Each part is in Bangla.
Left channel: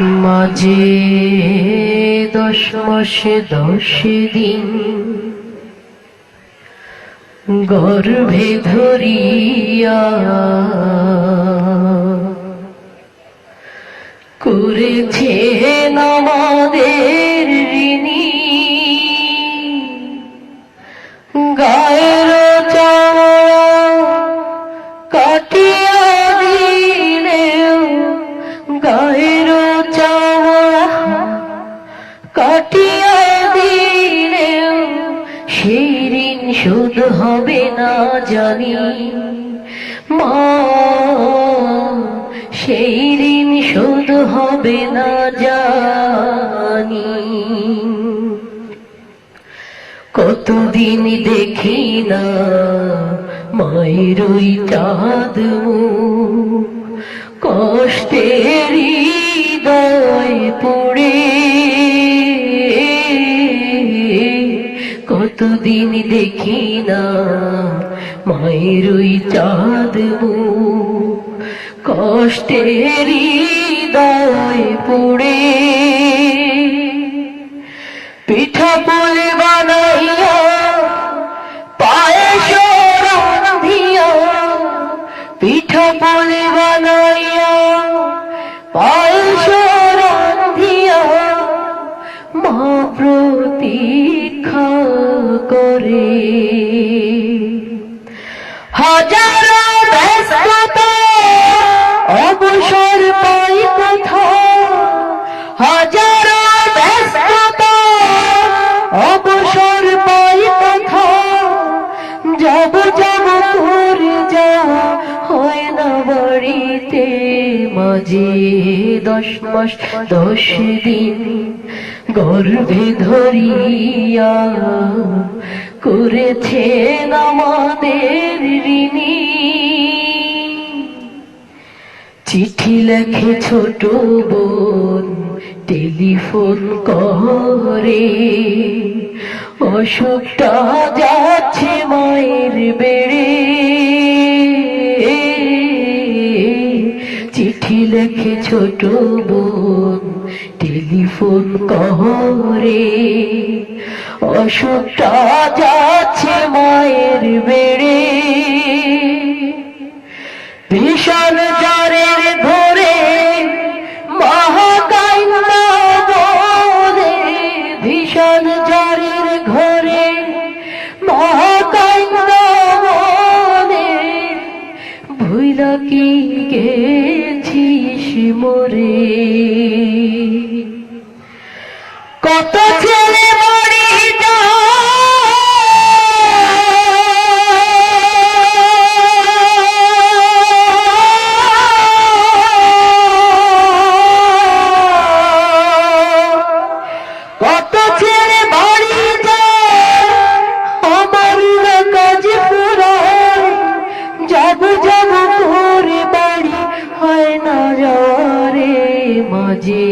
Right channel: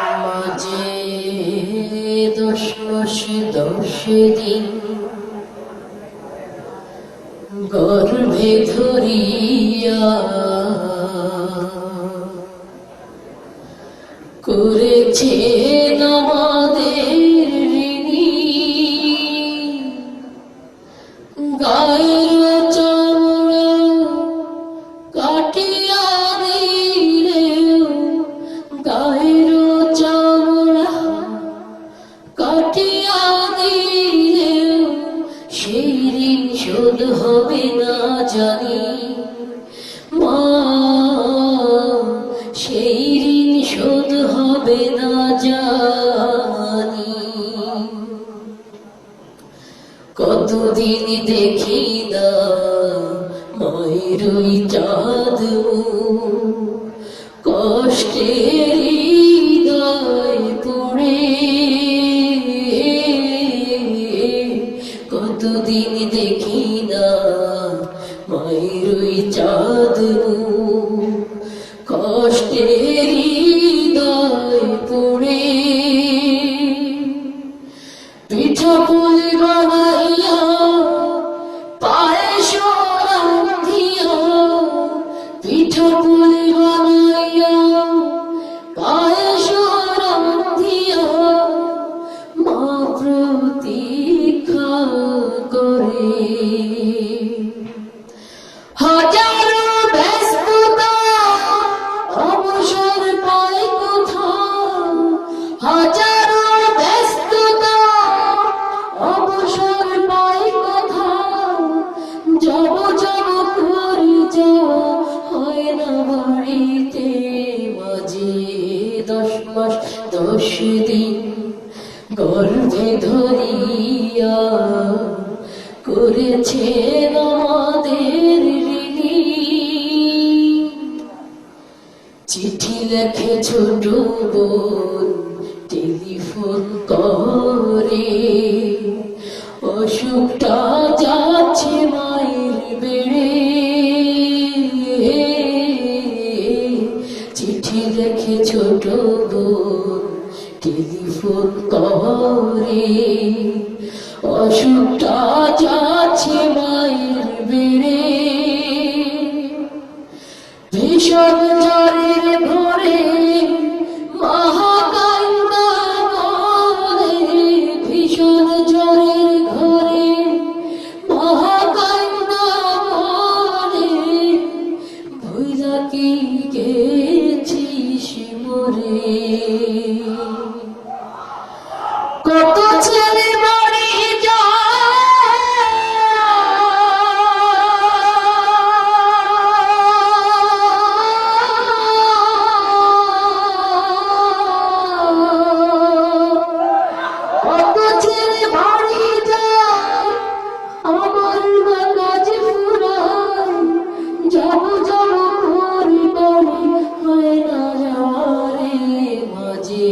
মাঝে 10 মাস 10 দিন গর্ভে ধরিয়া করেছেন আমাদের ঋণী। গায়ের চামড়া কাটিয়া দিলেও, গায়ের চামড়া কাটিয়া দিলেও সেই ঋণ শোধ হবে না জানি। মা, সেই ঋণ শোধ হবে না জানি। কতদিন দেখি না মায়ের ওই চাঁদ মুখ, কষ্টের হৃদয় পড়ে। কতদিন দেখি না মায়ের ওই চাঁদ মুখ, কষ্টের হৃদয় পড়ে। পিঠা পোলে বানাইয়া পায়েস রান্ধিয়া, পিঠা পোলে বানাইয়া পায়েস রান্ধিয়া মা প্রতীক্ষা করে। হাজারো ব্যস্ততা অবসর পাই কোথাও, হাজারো ব্যস্ততা অবসর পাই কোথাও। যাব যাব করে যাওয়া হয় না বাড়িতে। মাঝে 10 মাস 10 দিন গর্ভে ধরিয়া করেছেন আমাদের ঋণী। চিঠি লেখে ছোট বোন টেলিফোন করে, অসুখটা যাচ্ছে মায়ের বেড়ে। চিঠি লেখে ছোট বোন টেলিফোন করে, অসুখটা যাচ্ছে মায়ের বেড়ে। ভীষণ জ্বরের ঘোরে মহাকাইন্দা বলে, ভীষণ জ্বরের ঘোরে মহাকাইন্দা বলে, ভুইলা কি গেছিস মোরে। কত ছেলে বাড়ি কত ছেলে বাড়ি যায়, আমার কাজ ফুরায়। যাব যাব করে বাড়ি হয় না যাওয়ারে। মাঝে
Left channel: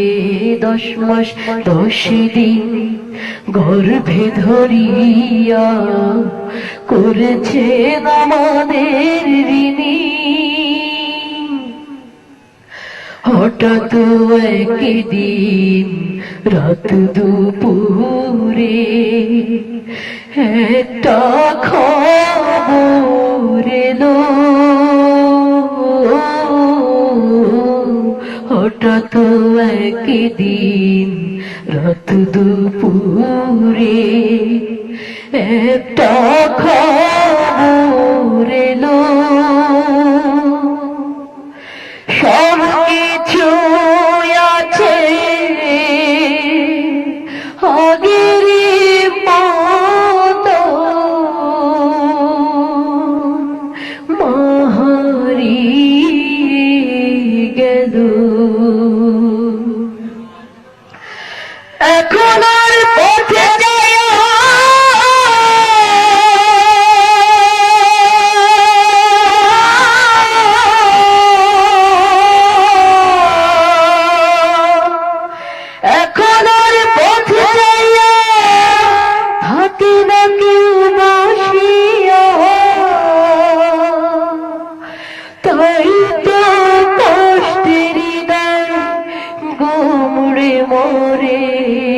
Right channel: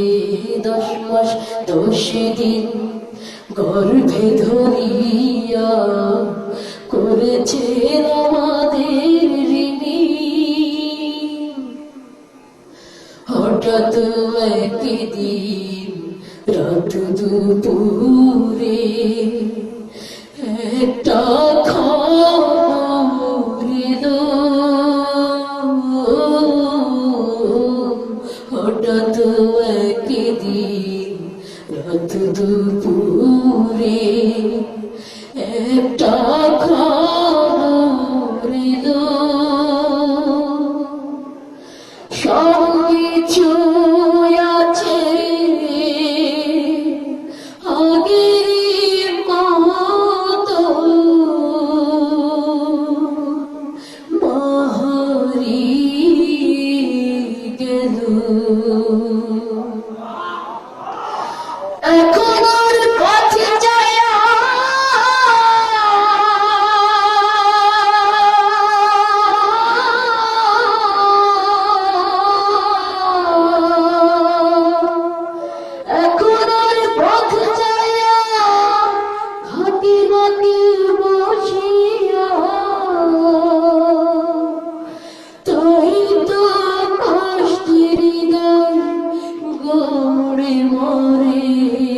10 মাস 10 দিন গর্ভে ধরিয়া করেছেন আমাদের ঋণী। হঠাৎ একদিন রাত দুপুরে একটা খবর এলো। হঠাৎ একদিন রাত দুপুরে একটা খবর এলো। সব কিছু আছে আগের মতো, মা হারিয়ে গেল। এখন আর পথে যায় মরে